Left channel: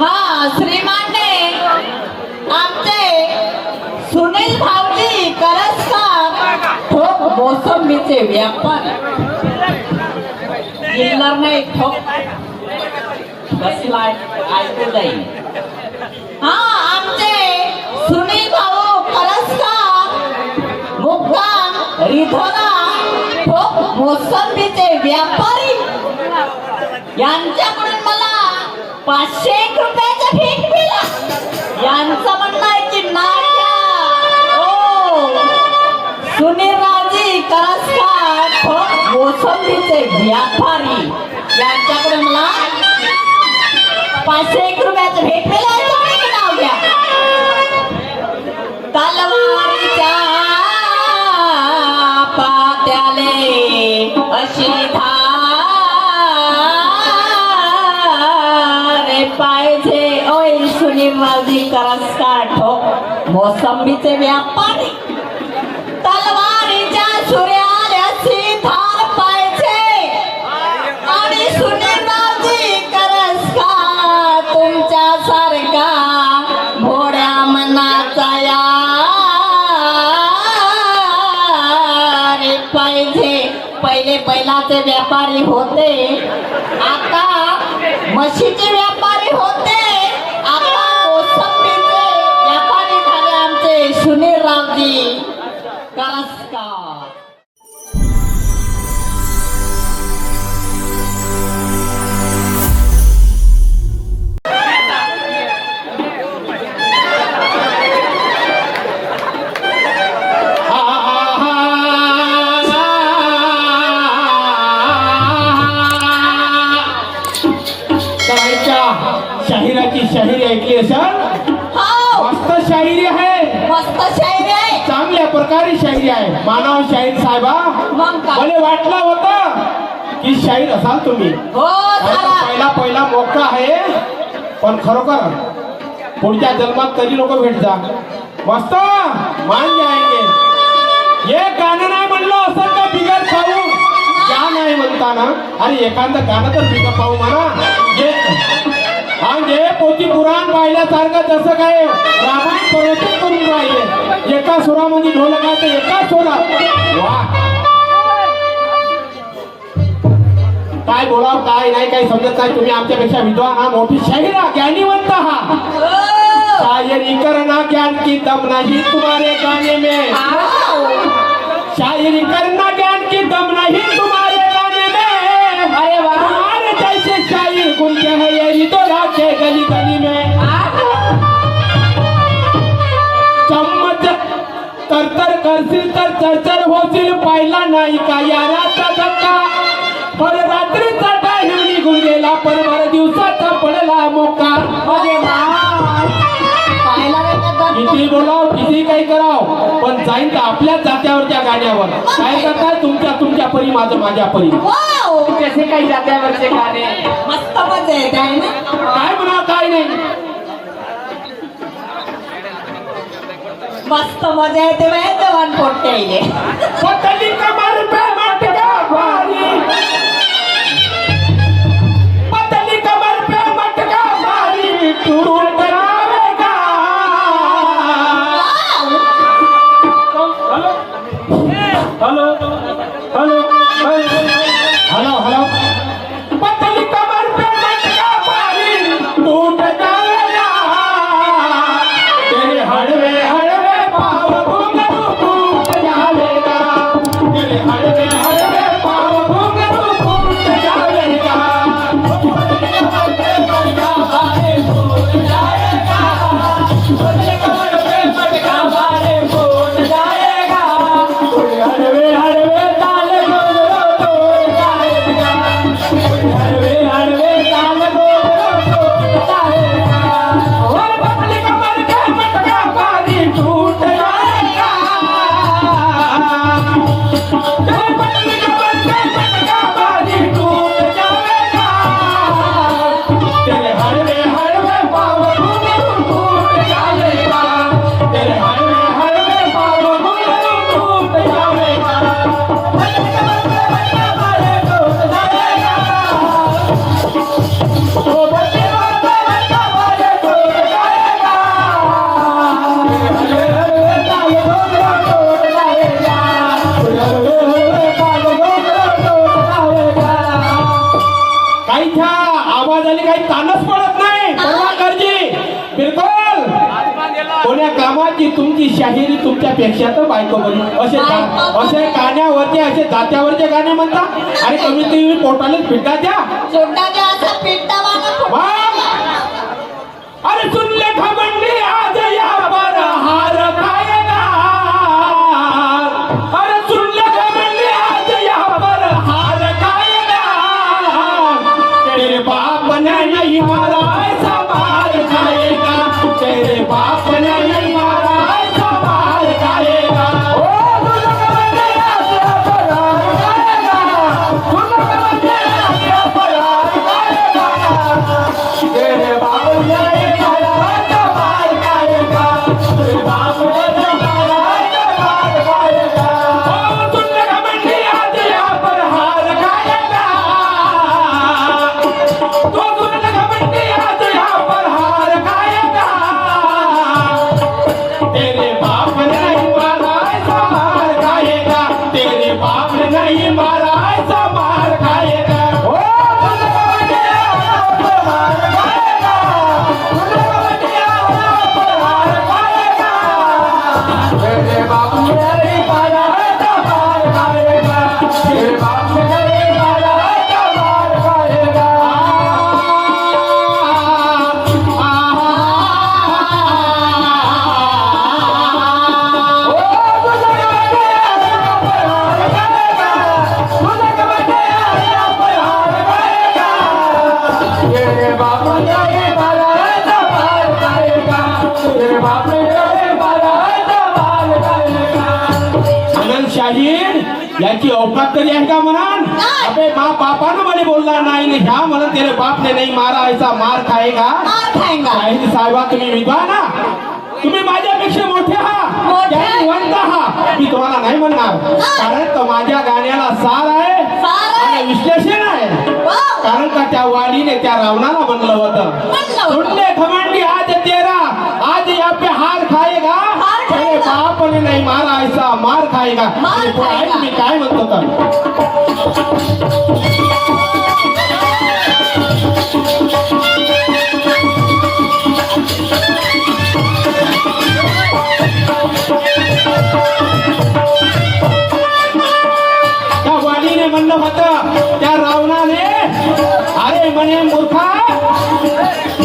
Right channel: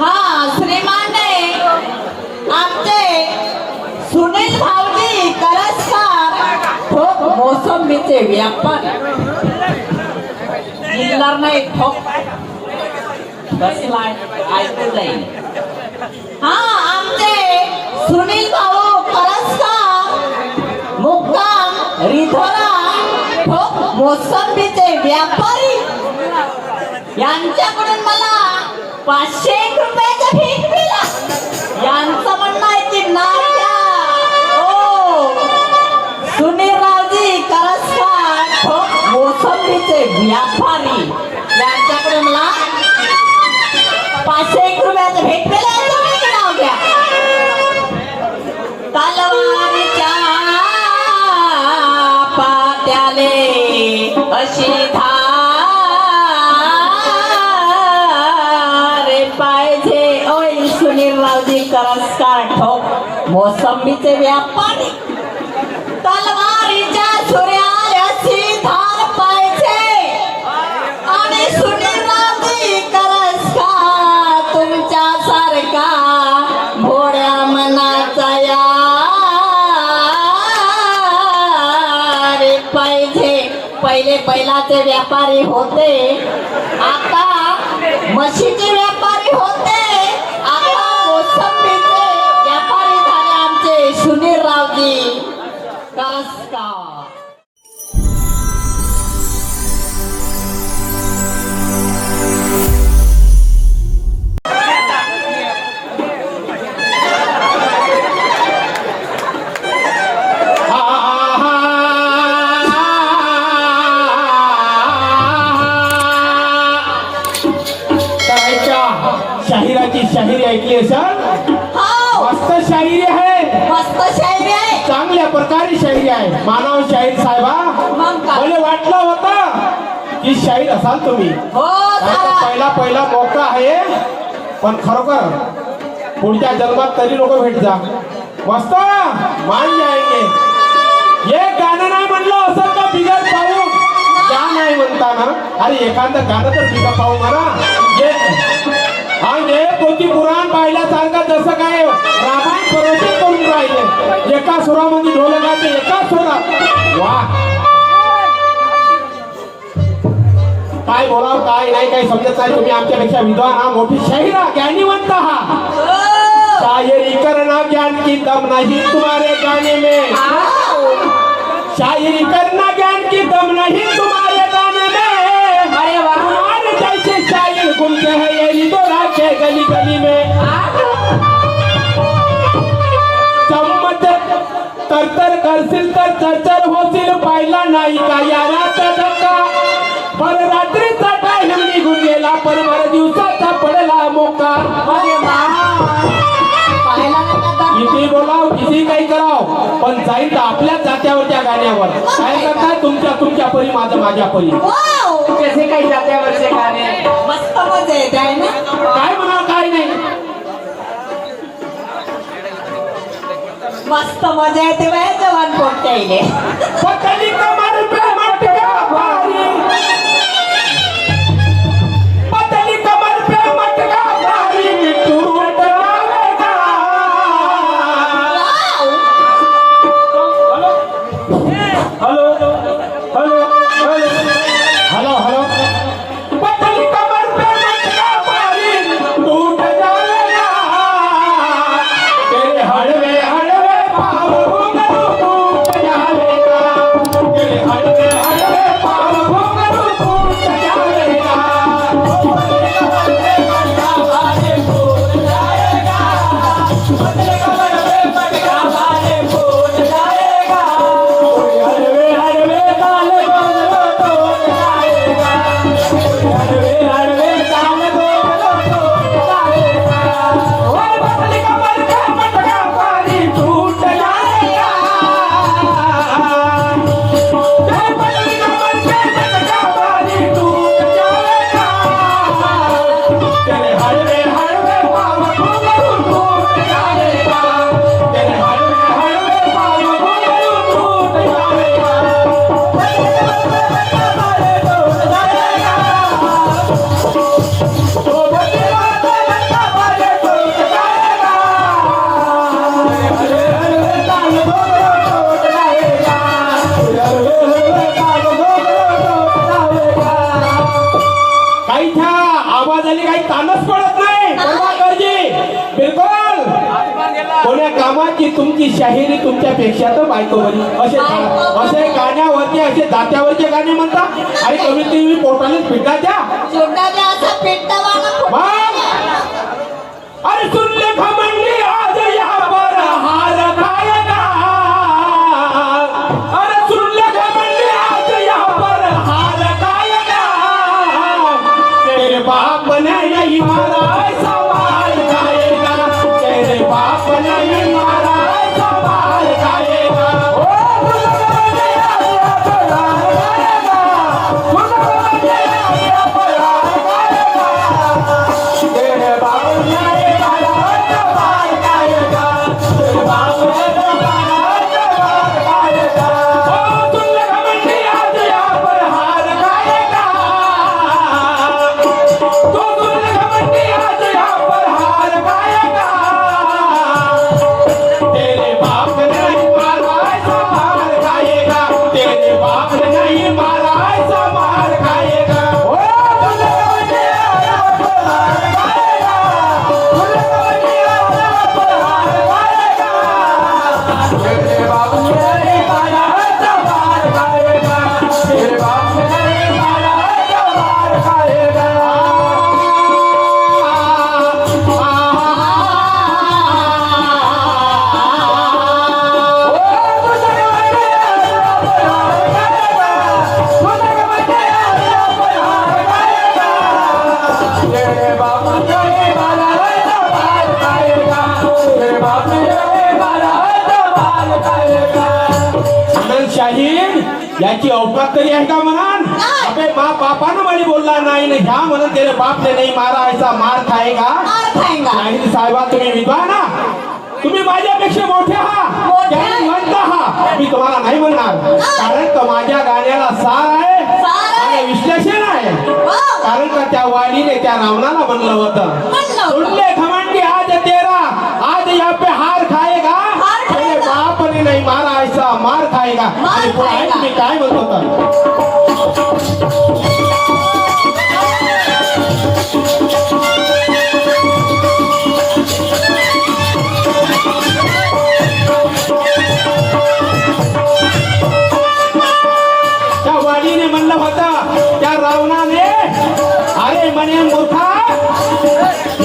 हा श्रीमाने आमचे सुनील भाऊजी करसकर ठोक मोसंबीचे व्यापारी जिल्हार नाही ठोक बसलाय ऐकलंय. हा आमचे सुनील भाऊ करसकर मुक्काम रिधोरा ठोक मोसंबीचे व्यापारी यांच्याकडून मला 500 रुपयाचा भीक मिळाला. यांचं म्हणणं आहे की नाव द्या. हो सुनीलरावजी करसकर ठोक मोसंबीचे व्यापारी यांच्याकडून मला 500 रुपयाचा भेट मिळाला. तुम्ही नाव द्या. तलवारीच्या पात्याले अशी पाहिजे. ओय सुनीलरावजी करसकर ठोक मोसंबीचे व्यापारी तलवारीच्या सूर्याल्याची धार पाहिजे. आणि सुनीलरावजी करसकर तुमच्यासारखा भोळ्या मनाचा रे पाहिजे. पहिले बैलाचे व्यापारी होते, आता म्हशीचे व्यापारी होते, आता मोसंबीचे व्यापारी झाले आमचे सुनीलरावजी करसकर. शाहिराची शाहिरी ऐकली असाल? मस्त शाहिरी आहे. मस्त शायरी आहे. चांगल्या प्रकारे शाहिरी आहे. मानव शाहीर साहेबा मला वाटलं होतं की शाहीर असाल तुम्ही. हो पहिला मोका आहे, पण खरोखर पुढच्या जन्मात तरी लोक भेट जा. मस्त मान जायगे. हे गाणं नाही म्हणलं असं का बिगर पाहून क्या नाही म्हणता ना. अरे एखादं गाणं तर बिगर पाहू म्हणा. जे पोथी पुराण पाहिल्यासारखं तसं काय रामायण परंपरा करून राहिले. एका सुरामध्ये ढोल गायचं, एका सुरात वा काय बोलावं काय नाही काही समजत नाही. तुम्ही आमच्यापेक्षा विद्वान हा, मोठी शाहिरा ज्ञानीवंत हा. शायरी करना ज्ञान की दम नहीं तुम्हारे गाने में. शायरी करना ज्ञान की दम नहीं तुम्हारे गाने में. हमारे जैसे शायर घूमते हैं गली गली में. चम्मच तरतर करशील तर चरचर होशील. पाहिला नाही का याराचा धक्का. पर रात्रीचा टाइम निघून गेला, पर दिवसाचा पडला मोका. किती बोलाव किती काही कराव, पण जाईल तर आपल्या जात्यावरच्या गाण्यावर. काय करता तुमच्या परी माझ्या परी. कसे काही जात्यावरचे गाणे मस्त मजा येते आहे ना. काय म्हणा काय नाही. मस्त मजा येते बाय जवान पोट्टे इले. पतली कमर पे मटका भारी. पतली कमर पे मटका भारी. टूट जाएगा. Hello hello hello hello. पतली कमर पे मटका भारी. टूट जाएगा. तेरे हड़वे हड़वे पाँव घुंघरू टूट जाएगा. तेरे हड़वे हड़वे पाँव घुंघरू टूट जाएगा. हड़वे हड़वे ताल बोलो टूट जाएगा. हड़वे हड़वे ताल बोलो टूट जाएगा. और पतली कमर पे मटका भारी. टूट जाएगा. पतली कमर पे मटका भारी. टूट जाएगा. तेरे हड़वे हड़वे पाँव घुंघरू टूट जाएगा. तेरे हड़वे हड़वे पाँव घुंघरू टूट जाएगा. पतली कमर पे मटका भारी. टूट जाएगा. शाहिरी तुमच्यापेक्षा तर बायको बरी. असे गाण्यावरचे असे जात्यावरचे गाणे म्हणता आणि कमीत कमी पोटालाच पिटा द्या. सोडा असा पेटवाला अरे सुनले खमंडी आज यावर हार खायला. अरे सुनले खमंडी आज यावर हार खायला. तेरे बाप ने नहीं मारा ऐसा मार खाएगा. तेरे बाप ने नहीं मारा ऐसा मार खाएगा. ओ सुनले खमंडी आज यावर हार खाएगा. सुनले खमंडी आज यावर हार खाएगा. तेरे बाप ने शाहीर याची औकात तरी आहे का म्हणान. अबे बापानं म्हणे बोलला नाही ना ह्या म्हणून त्याला बापने नाही मारा ऐसा मार खाएगा. शाहीर साहेबा तुम्ही विद्वान ना, तुम्ही माझ्यापेक्षा मोठे आहात, ज्ञानवंत आहात. मी तुम्हाला नाही म्हणणार कारण तो माझ्या गाण्याला सार आहे आणि विश्लेषण आहे. कारण का त्या वाणीने त्या रावणाला बनलं होतं. सुनले खमंडी आज तेरा आज यहाँ पे हार खाएगा. तेरे बाप ने नहीं मारा ऐसा मार खाएगा. आणि तो ऐक मी काय म्हणतो तर त्या वाणीने म्हणलं होतं त्या रावणाने, अरे म्हणे मूर्खा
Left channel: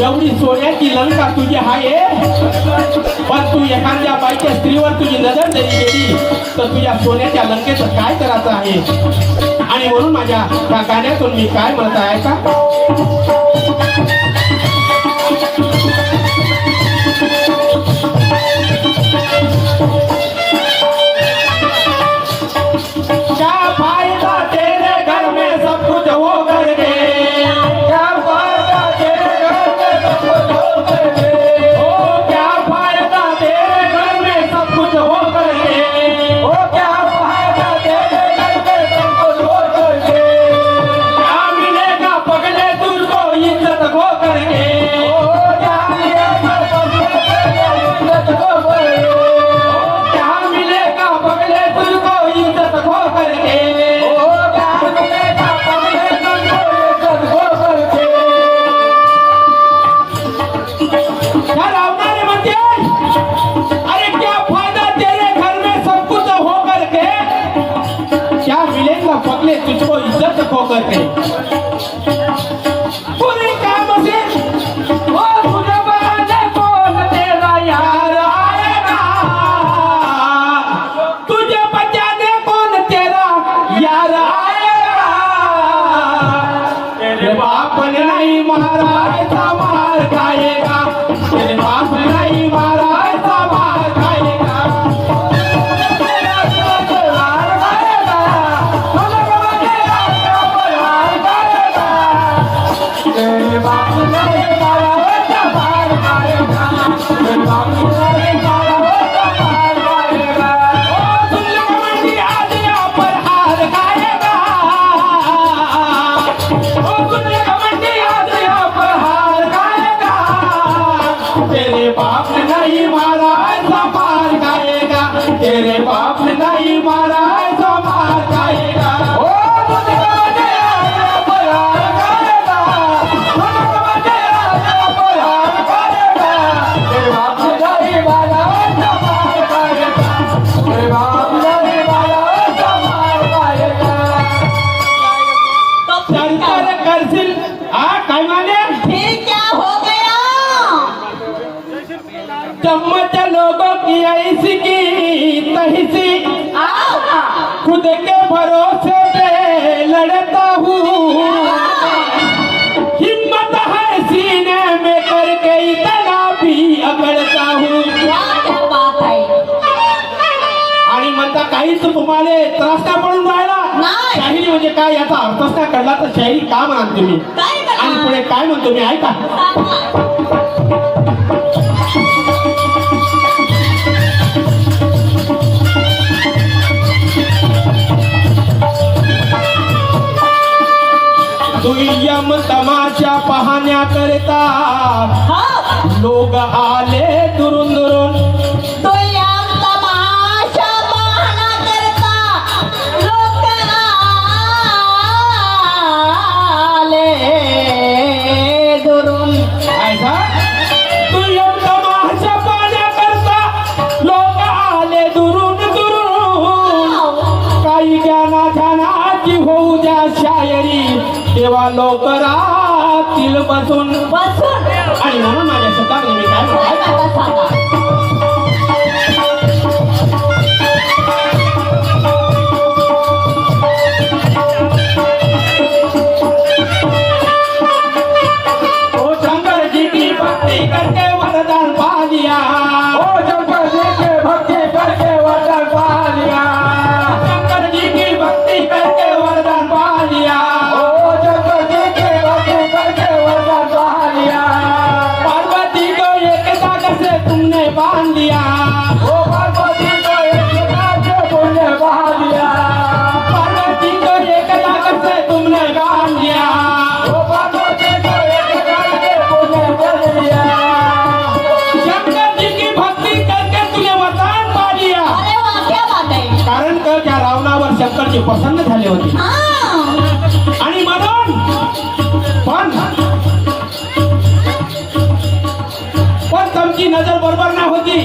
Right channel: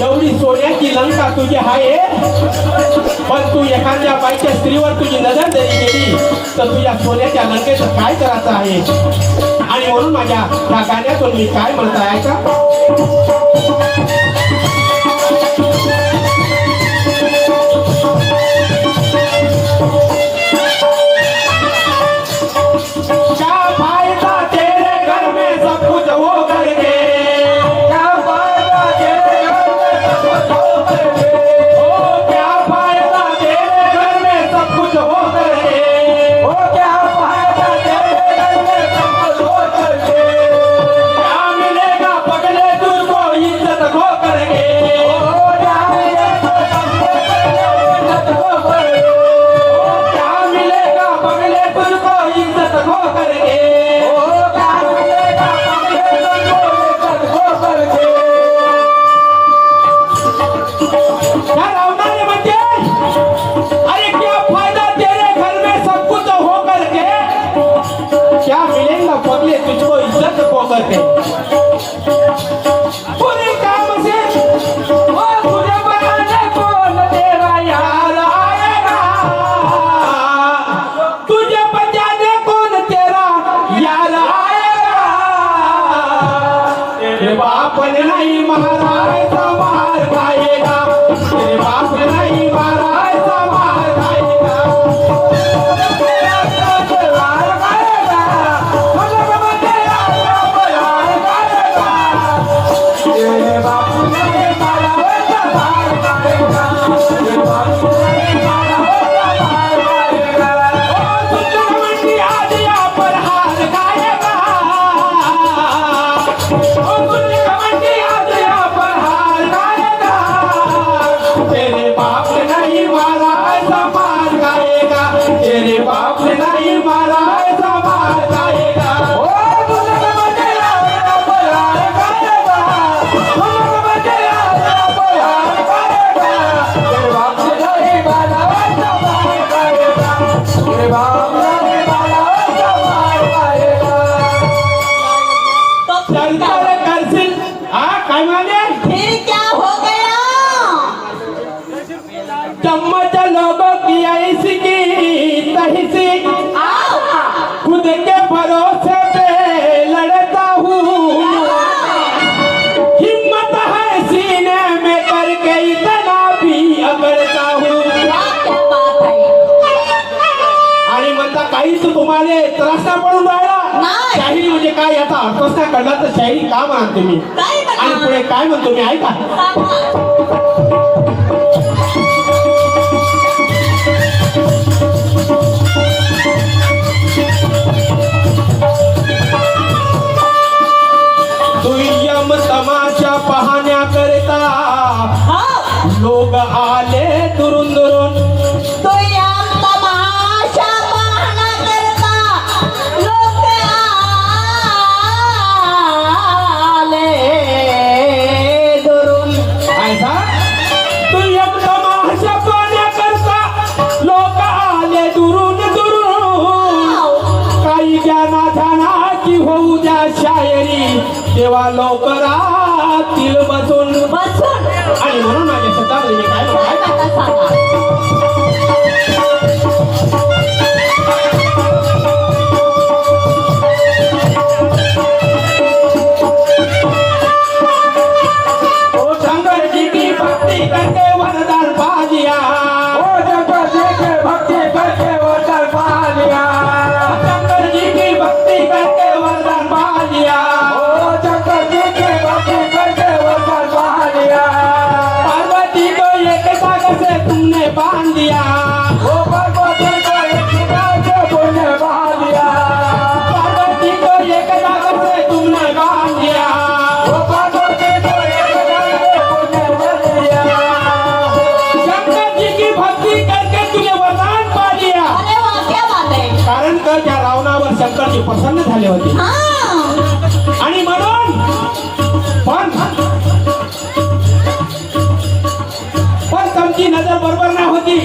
एवढी सोन्याची लंका तुझी आहे पण तू एखाद्या बाईच्या स्त्रीवर तुझी नजर जरी गेली तर तुझ्या सोन्याच्या लंकेचं काय करायचं आहे. आणि म्हणून माझ्या त्या गाण्यातून मी काय म्हणत आहे का, म्हणजे काय याचा अर्थच नाही कळला तर शायरी का म्हणाल तुम्ही काय आणि म्हणा? पुढे काय म्हणतो मी ऐका दुय्यम तमाशा पाहण्याकरिता लोक आले दुरून दुरून तो या तमाशा पाहण्याकरता लोक आले दुरून. ऐसा दुय्यम तमाशा पाहण्याकरिता लोक आले दुरून दुरून काही ज्ञाना ध्यानाची होऊ द्या शायरी तेव्हा लोक राहतील बसून बसून आणि म्हणून माझ्या शब्दामध्ये मी काय म्हणतो आता सांगा. ओ शंकर जी की भक्ति करके वरदान पा लिया ओ शंकर जी की भक्ति करके वरदान पा लिया शंकर जी की भक्ति करके वरदान पा लिया ओ शंकर जी की भक्ति करके वरदान पा लिया पार्वती को एक सागर से तुमने बांध दिया ओ पार्वती को एक सागर से तुमने बांध दिया पार्वती को एक सागर से तुमने बांध दिया ओ पार्वती को शंकर जी की भक्ती करके तुझे वरदान पा लिया अरे वा, क्या बात आहे. कारण तर त्या रावणावर शंकरजी प्रसन्न झाले होते हा. आणि म्हणून पण तुमची नजर बरोबर नाही होती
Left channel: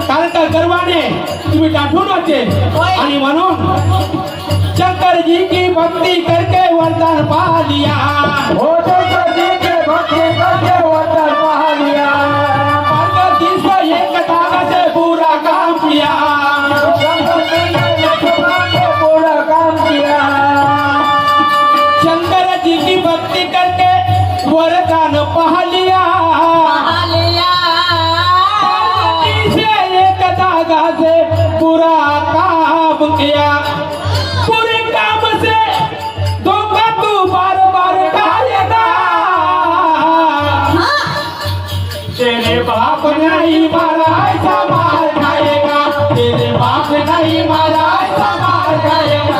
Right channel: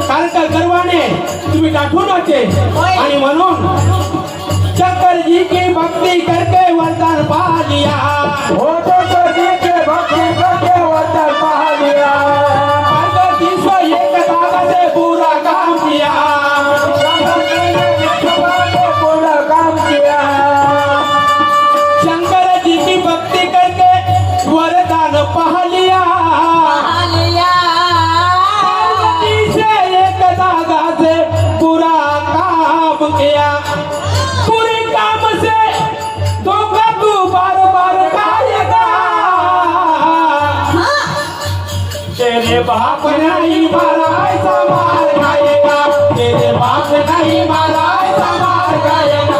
कारण त्या गर्वाने तुम्ही दाखवून होते आणि म्हणून शंकर जी की भक्ती करके वरदान पा लिया हो शंकर जी की भक्ती करके वरदान पा लिया पार्वती से एक धागा से पूरा काम किया पूरा काम किया शंकर जी की भक्ति करके वरदान पा लिया आलिया. पार्वती से एक धागा से पूरा काम किया पूरे काम से धोखा तू बार बार खाएगा हा. तेरे बाप नहीं मारा ऐसा मार खाएगा तेरे बाप नहीं मारा ऐसा मार खाएगा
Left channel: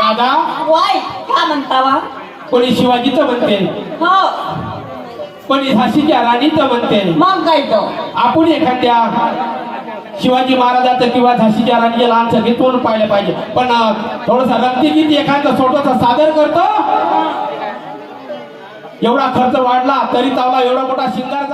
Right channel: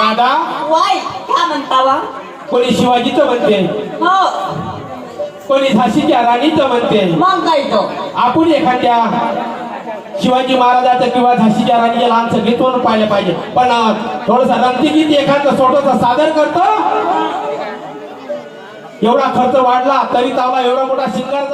राधा वाय, काय म्हणता वा? कोणी शिवाजीचं म्हणते हो. कोणी झाशीच्या राणीचं म्हणते मग काय तो? आपण एखाद्या शिवाजी महाराजांचं किंवा झाशीच्या राणीच्या लहानचं घेतून पाहिलं पाहिजे पण थोडस रक्तीगीत एखादं छोटस सादर करतो एवढा खर्च वाढला तरी तावा एवढा मोठा सिंगर